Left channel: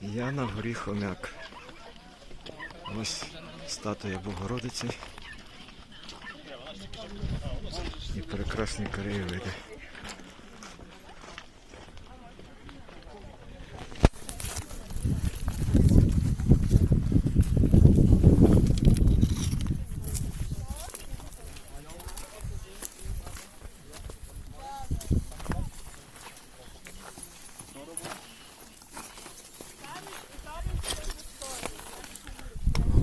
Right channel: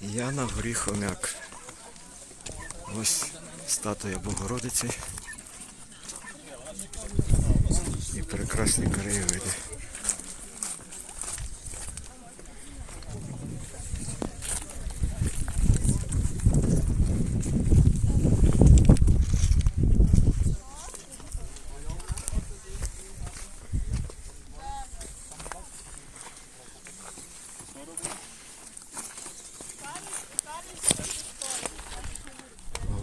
Я на горі Хомяк. Ось статуя Богородиці. І прекрасні краєвиди.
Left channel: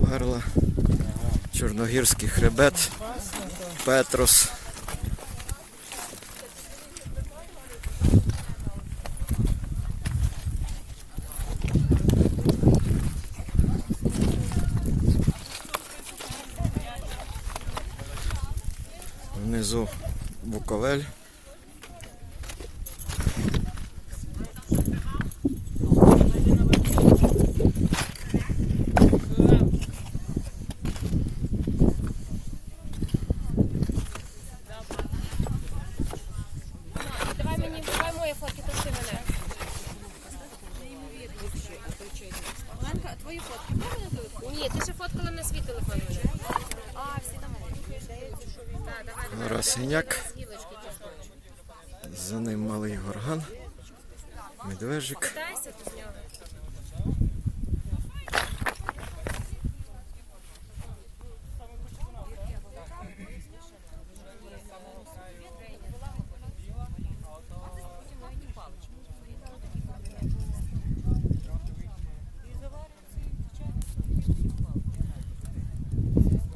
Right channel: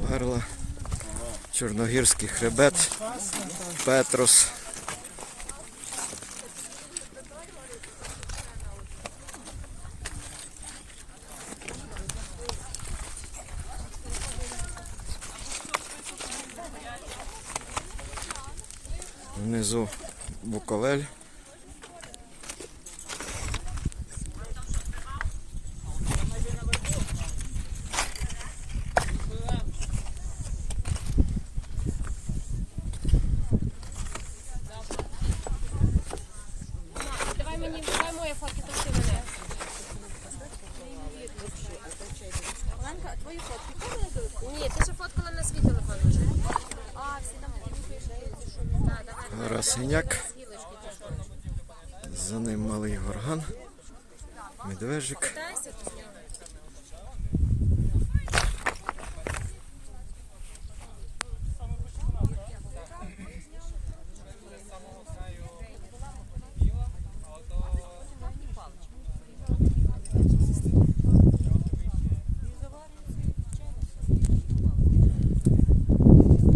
Говерла, Чорногірський хребет, Петрос. Внизу Буковель. Синяк. За ним малий горган. Медвежик.